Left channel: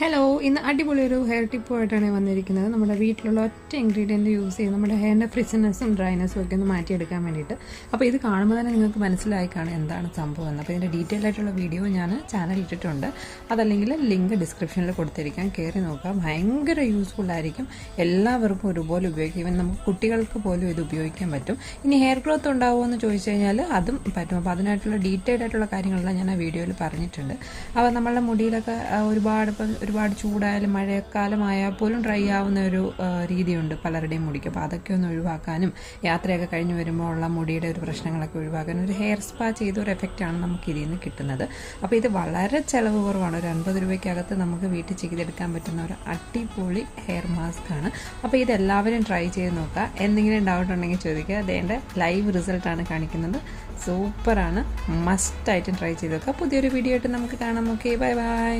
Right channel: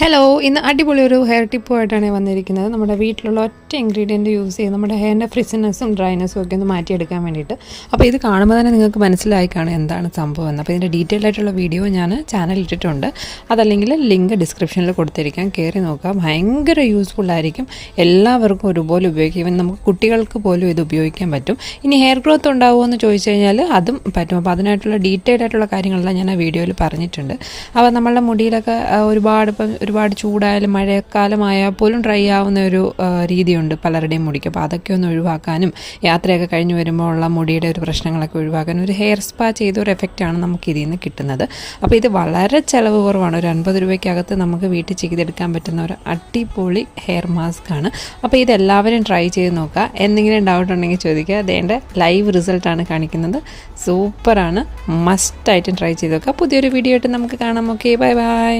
Hello, ഇന്ന് അടിപൊളി ഒരു ഹെയർ ടിപ്പുമായിട്ടാണ് വന്നിരിക്കുന്നത്. നമ്മുടെ വീട്ടിലുള്ള ഒറ്റ ഇൻഗ്രീഡിയൻറ്റ് യൂസ് ചെയ്ത് നമ്മുടെ ഹെയറിൻ്റെ ഫ്രിസിനെസ്സും ഡ്രൈനെസ്സും ഒക്കെ ഒന്ന് മാറ്റിയെടുക്കാൻ വേണ്ടിയിട്ട്. അപ്പോൾ ഇത് കാണുമ്പോൾ തന്നെ നിങ്ങൾക്ക് മനസ്സിലായി കാണും എന്താണ് സംഭവം എന്ന്. അപ്പോൾ ഇതിൻ്റെ ഡീറ്റെയിൽ ആയിട്ടുള്ള വീഡിയോ ഞാൻ ചാനലിൽ ഇട്ടിട്ടുണ്ട്. അതല്ലെങ്കിൽ ലിങ്ക് ഡിസ്ക്രിപ്ഷനിൽ കൊടുത്തിരിക്കാം, കയറി നോക്കുക. ഭയങ്കര യൂസ്ഫുള്ളായിരിക്കും, എല്ലാവർക്കും ഒരുപോലെ ഉപയോഗിക്കും. ഈവൻ നമുക്ക് കുട്ടികൾക്ക് പോലും ഇത് ഉപയോഗിക്കാൻ പറ്റും. ഇനി ഹെയർ ഗ്രോത്ത് ഉണ്ടാവുമോ എന്ന് ചോദിച്ചു കഴിഞ്ഞാൽ അതും പറ്റും. അപ്പോൾ അതിനായിട്ടുള്ള ഡീറ്റെയിൽ ആയിട്ടുള്ള കാര്യങ്ങളെല്ലാം ഞാൻ ആ വീഡിയോയിൽ പറഞ്ഞിട്ടുണ്ട്. അപ്പോൾ നമ്മളുടെ മുടിയിലൊക്കെ ഒരുപാട് ചൂടായാലും മഴക്കാലമായാൽ പോലും ഡ്രൈ ആവുന്ന ഒരു രീതിയുണ്ട് പലരുടെയും മുടിക്ക്. അപ്പോൾ അതൊക്കെ ഒന്ന് ഒഴിവാക്കാനും യാത്രയൊക്കെ കഴിഞ്ഞ് വരുമ്പോൾ ഉള്ള മുടിയുടെ ഒരു പ്രശ്നങ്ങളൊക്കെ ഒഴിവാക്കാനും ഒരു ഹെയർ സ്പാ ചെയ്ത ഒരു എഫക്റ്റാണ് നമുക്ക് ഇതിൽ നിന്ന് കിട്ടുന്നത്. അപ്പോൾ ഇത് വളരെ ചിലവ് കുറവാണ്. ഒരു 50 രൂപയ്ക്കകത്ത് നമുക്ക് വീട്ടിൽ ചെയ്തെടുക്കാൻ പറ്റുന്ന ഒരു അടിപൊളി ഹെയർ മാസ്ക് ആണ്. അപ്പോൾ ഇതെല്ലാവരും ട്രൈ ചെയ്ത് നോക്കുക. എന്തെങ്കിലും ഡൗട്ട് ഉണ്ടെങ്കിൽ ചോദിക്കുക. അതേൻ്റെ ലൈവ് റിസൾട്ടാണ് കാണിക്കുന്നത്. സൂപ്പറാണ്, മസ്റ്റായിട്ടും ട്രൈ ചെയ്ത് നോക്കുക. പുതിയൊരു വീഡിയോ ആയിട്ട് നമുക്ക് കാണാം. Okay, bye bye.